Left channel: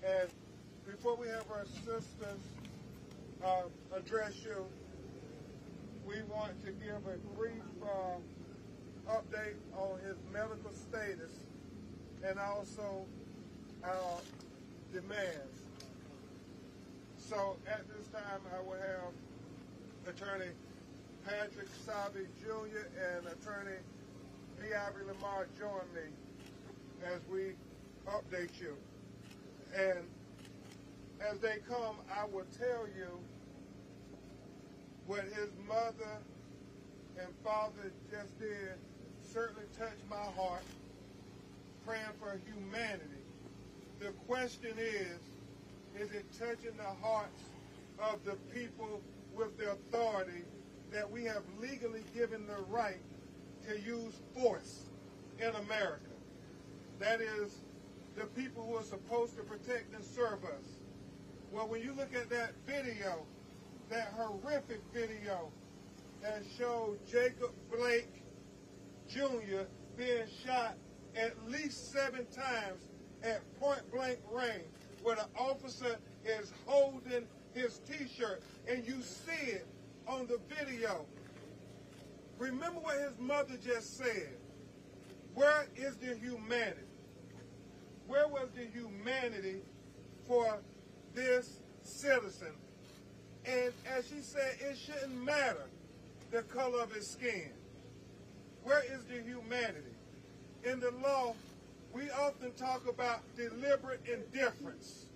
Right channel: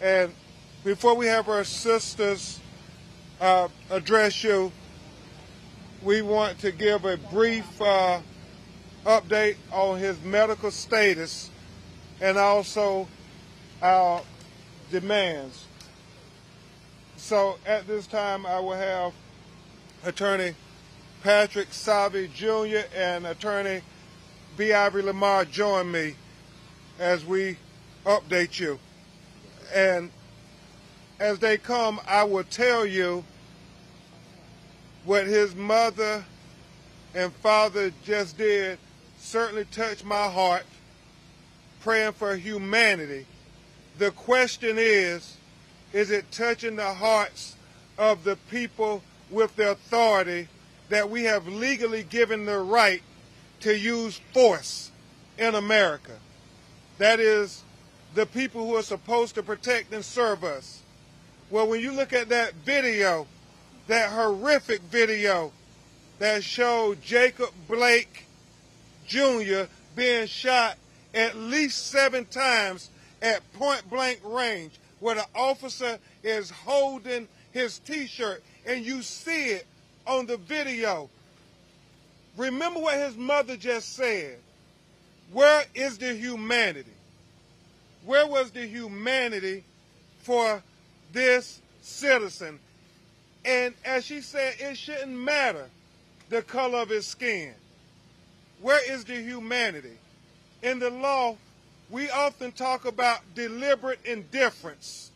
And before we have our sisters address you, we want to give a brief update on his medical status and also our demands. So at this time, I will have Attorney Patrick Salvi Jr. and Attorney B. Ivory Lamar join me as we update you. And as they come, I will tell you what his mother and father just did certainly touched my heart, praying for humanity. The question is it touching the hearts of the people with the authority that we have legally given the right to use force in America? That is, the people who are supposed to protect and serve us. Well, when you look at that video, that horrific video that showed Jacob Blake Jr. being shot at least 7 times at point-blank range, where the officer is holding his T-shirt, and you see it on the video. Remember what his mother just said. Where is the humanity? Where was the humanity for this citizen? And as she said, it shouldn't matter the color of his skin. Where is the humanity? In the law, we often talk about deliberate indifference.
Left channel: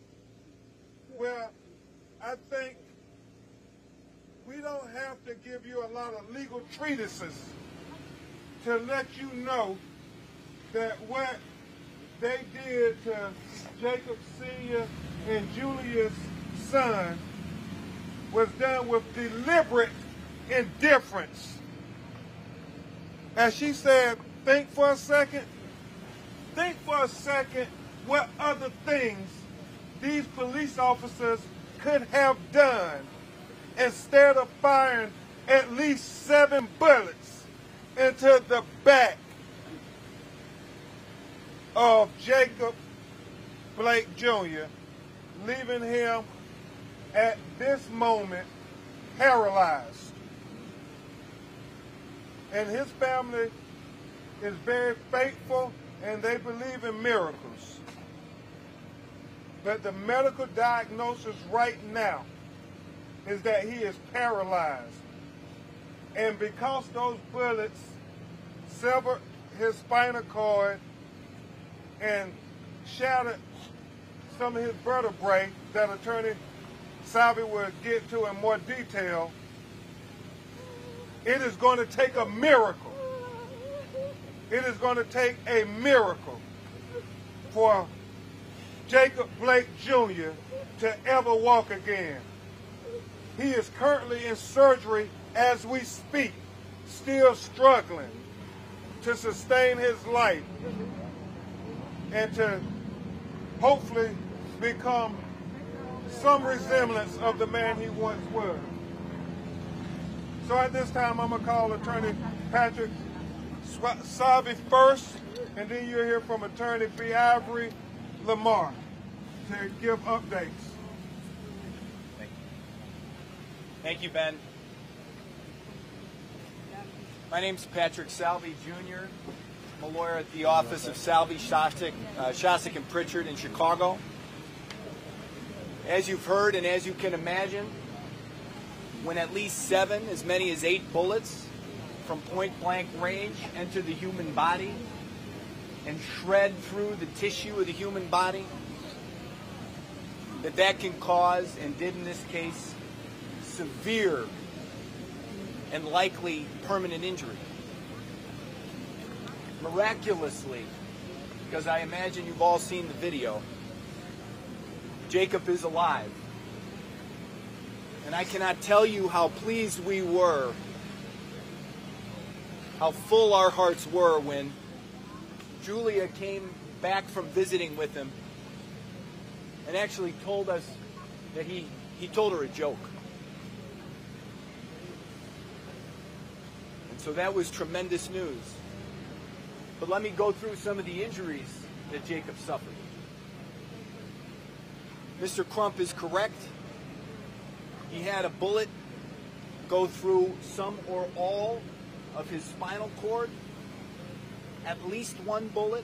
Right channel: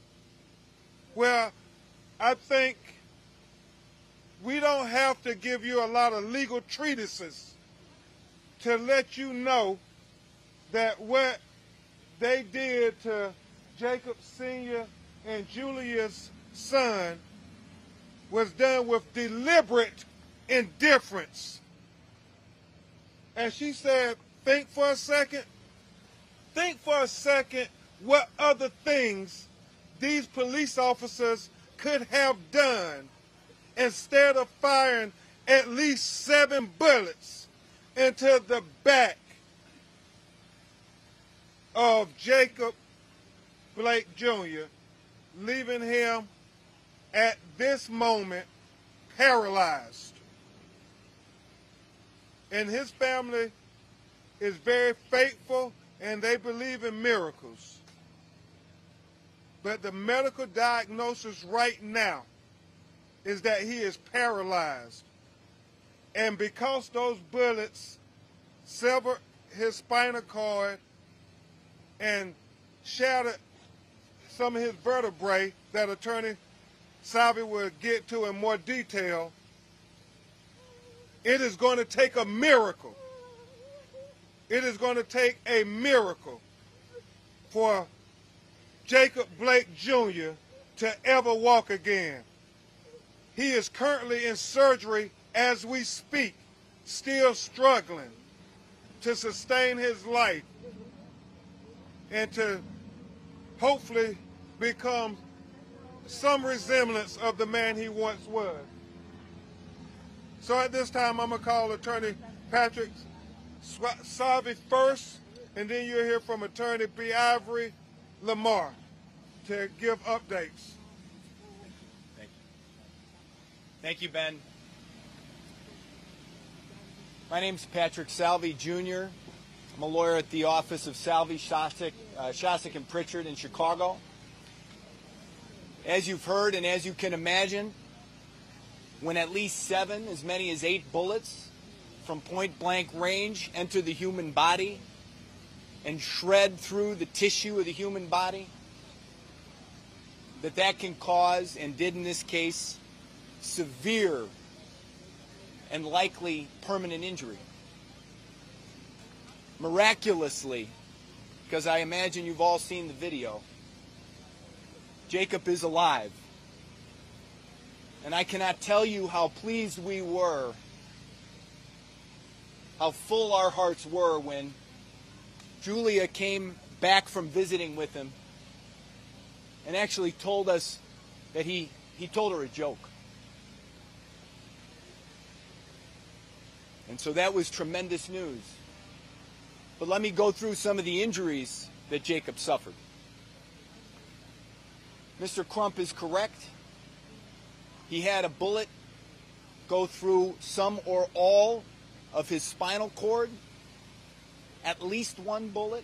Well, I think we don't have to give you a lot of legal treatises to let you know that what they did to Jacob Sr. and Julia's son was done with deliberate indifference. As she said, think for a second. Think for a second what other things these police officers could have done instead of firing at least 7 bullets into the back of Jacob Blake Jr., leaving him at this moment paralyzed. And his family is very faithful and they believe in miracles. But the medical diagnosis right now is that he is paralyzed. And because those bullets severed his spinal cord and shattered some of his vertebrae that Attorney Salvi will get to in more detail, it is going to take a miracle. It is going to take a miracle for Jacob Blake Jr. to ever walk again. He is currently in surgery as we speak, still struggling to sustain his life and to hopefully become some resemblance of the man he once was. So at this time, I'm going to call Attorney Patrick Salvi first, and then you'll hear from Attorney B. Ivory Lamar to give updates. Thank you. Thank you, Ben. My name's Patrick Salvi, Jr. I'm a lawyer at the office of Salvi, Shostak, and Pritchard in Chicago. As you've heard and as you can imagine, when at least 7, as many as 8 bullets from point-blank range enter the human body and shred through the tissue of the human body, that can cause, and did in this case, severe and likely permanent injury. Miraculously, because I imagine you've all seen the video, Jacob is alive. And I cannot tell you how pleased we were, how full our hearts were when Julia came back from visiting with him and actually told us that he told her a joke. And so that was tremendous news. But let me go through some of the injuries that Jacob suffered. Mr. Crump is correct. He had a bullet go through some or all of his spinal cord, at least one bullet.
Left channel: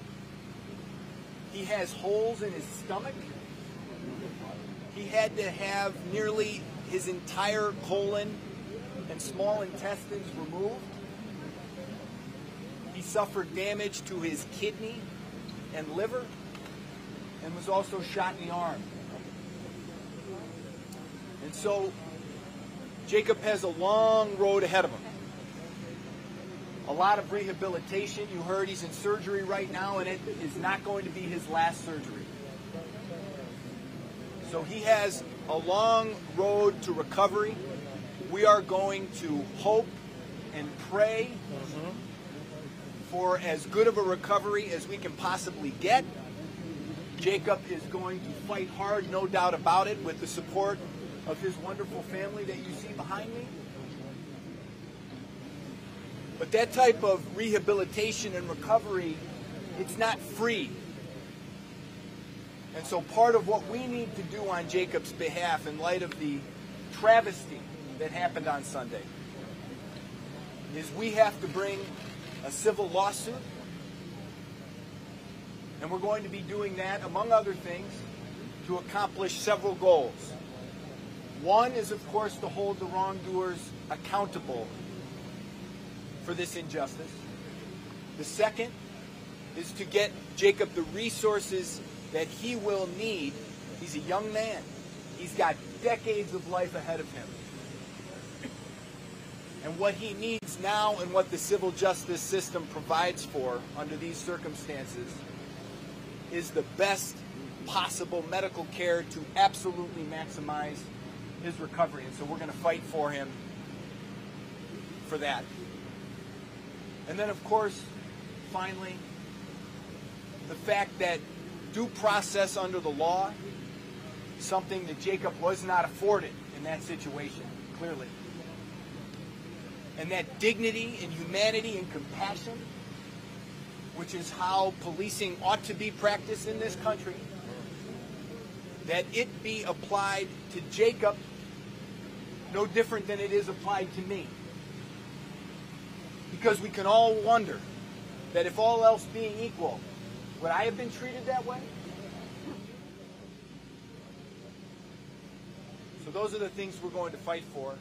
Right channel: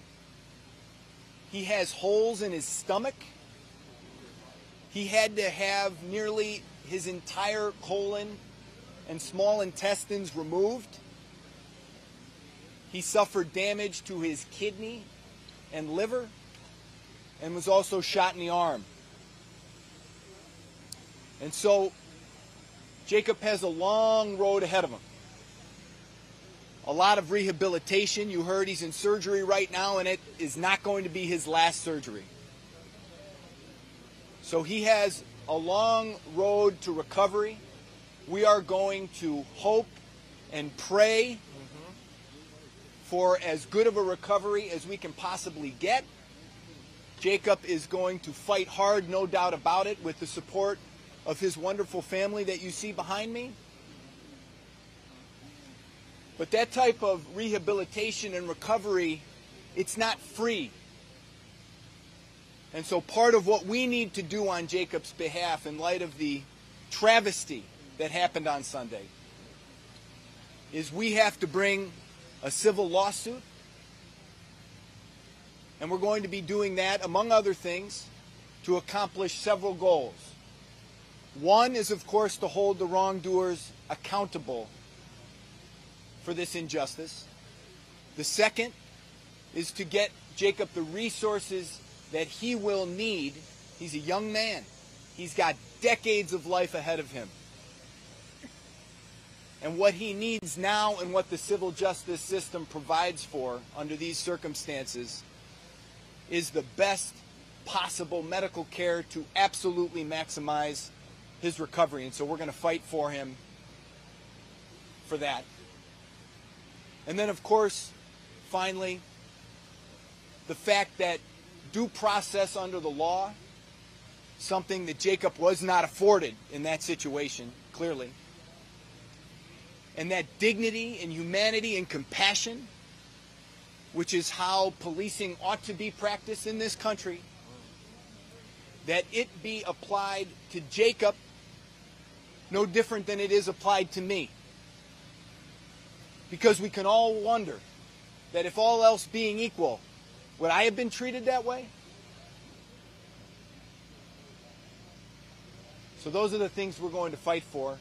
He has holes in his stomach. He had to have nearly his entire colon and small intestines removed. He suffered damage to his kidney and liver and was also shot in the arm. And so Jacob has a long road ahead of him. A lot of rehabilitation. You heard he's in surgery right now, and it is not going to be his last surgery. So he has a long road to recovery. We are going to hope and pray for as good of a recovery as we can possibly get. Jacob is going to fight hard, no doubt about it, with the support of his wonderful family that you see behind me. But that type of rehabilitation and recovery, it's not free. And so part of what we need to do on Jacob's behalf in light of the travesty that happened on Sunday is we have to bring a civil lawsuit. And we're going to be doing that, among other things, to accomplish several goals. One is, of course, to hold the wrongdoers accountable for this injustice. The second is to get Jacob the resources that he will need. He's a young man. He's got decades of life ahead of him. And what he needs now and what the civil justice system provides for under these circumstances is the best possible medical care to absolutely maximize his recovery. And so we're going to fight for him for that. And then, of course, finally, the fact that due process under the law, something that Jacob was not afforded in that situation, clearly, and that dignity and humanity and compassion, which is how policing ought to be practiced in this country, that it be applied to Jacob no different than it is applied to me. Because we can all wonder that if all else being equal, would I have been treated that way? So those are the things we're going to fight for.